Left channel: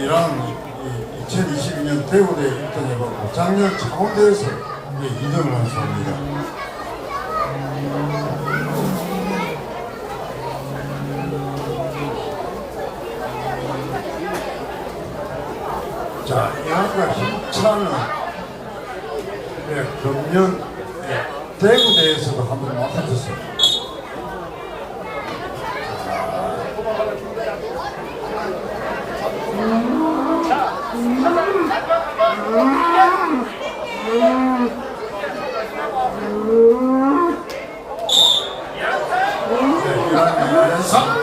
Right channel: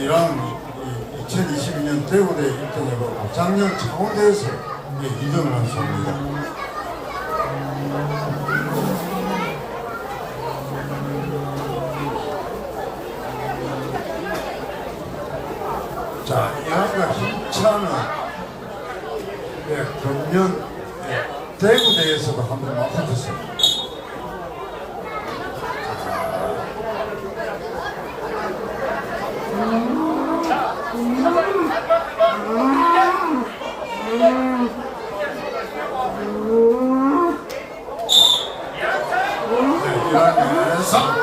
이랑 2022년 대구대 1등으로 작년 창원대에서 2등을 한 소입니다. 자, 이 학과 힘차는 예, 금년 예, 대구대에서도 한번 맞붙었어요. 면에서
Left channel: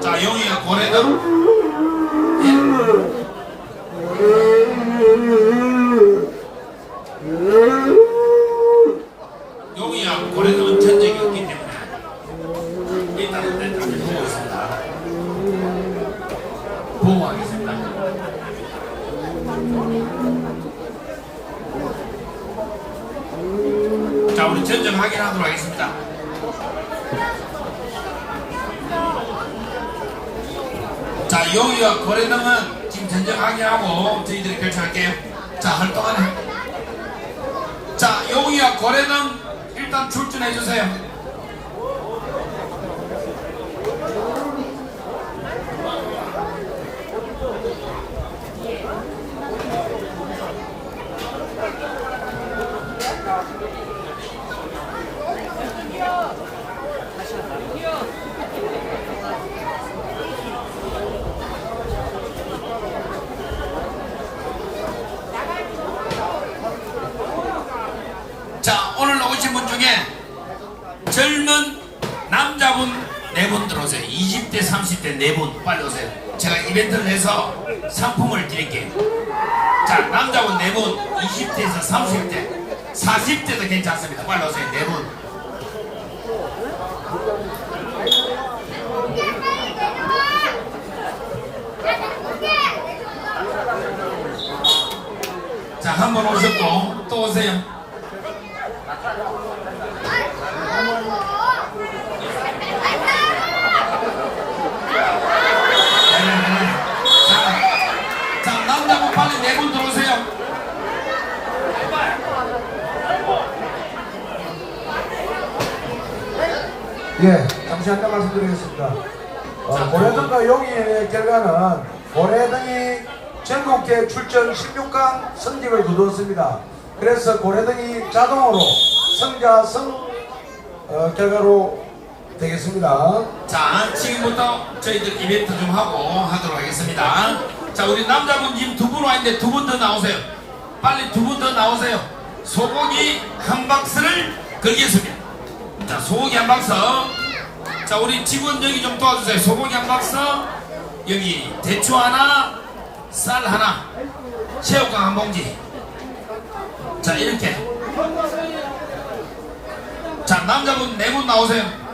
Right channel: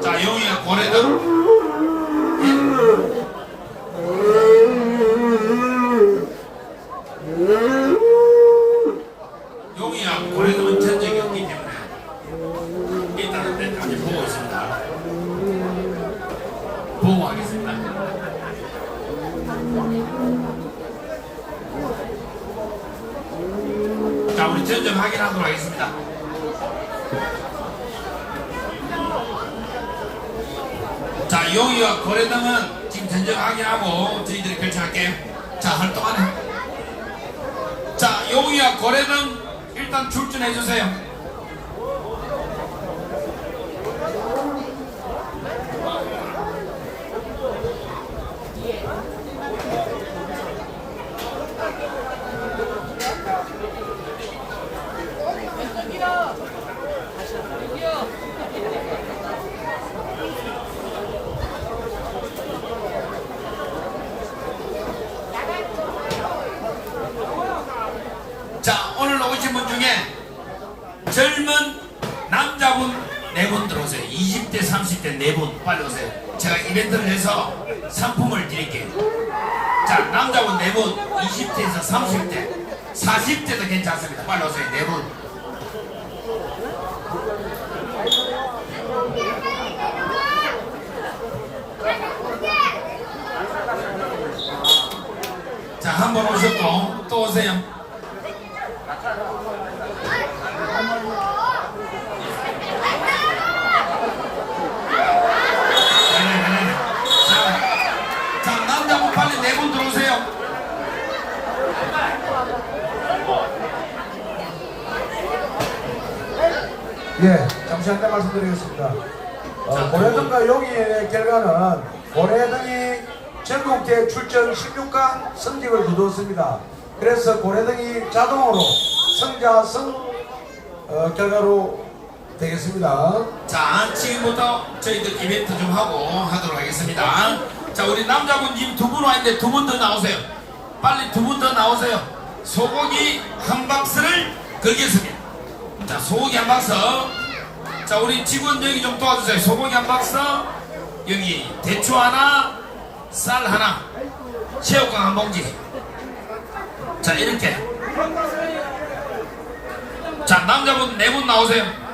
자, 용이가 고래등. 용이가 고래등은 전적이 없기 때문에 일단은 멘트를 보고 있습니다. 보호하겠습니다. 자, 우리 전적 확인하도록 하겠습니다. 자, 용이와 거래등은 지금 전쟁하게 하고 저희들이 결정할게요. 자, 활동하네. 자, 용이와 거래등 일단 출전해 주세요. 자, 오늘 오신 분 중에 젊은 남자분 네 분 들어오세요. 20대, 30대 네 분 빨리 오세요. 제가 이벤트를 해서 상품을 드릴게요. 자, 남자분 네 분, 20대에서 30대, 40대도 괜찮습니다. 빨리 오세요. 네 분. 자, 한 번 오셨고 또 오세요. 네. 예, 잠시 한번 말씀드리겠습니다. 어, 고래등과 용인의 결과는 고래등이 전국대 출전 16강 성적을 거두었습니다. 그래서 고래등이 자동으로 성자성 어, 결과로 되겠습니다. 자, 지금부터 저희들 이벤트 좀 하고 하도록 하겠습니다. 자, 우리 남자분 지금 두 분 와 있는데 두 분 더 나오세요. 빨리 두 분 더 나오세요. 소고기 한 박스를 걸겠습니다. 자, 소고기 한 박스. 자, 우리 직원 여기 좀 도와주세요. 소고기 한 박스. 여기 대추 하나, 쌀 하나, 새우깡 한 봉지. 자, 이렇게. 자, 남자분 네 분 나오세요.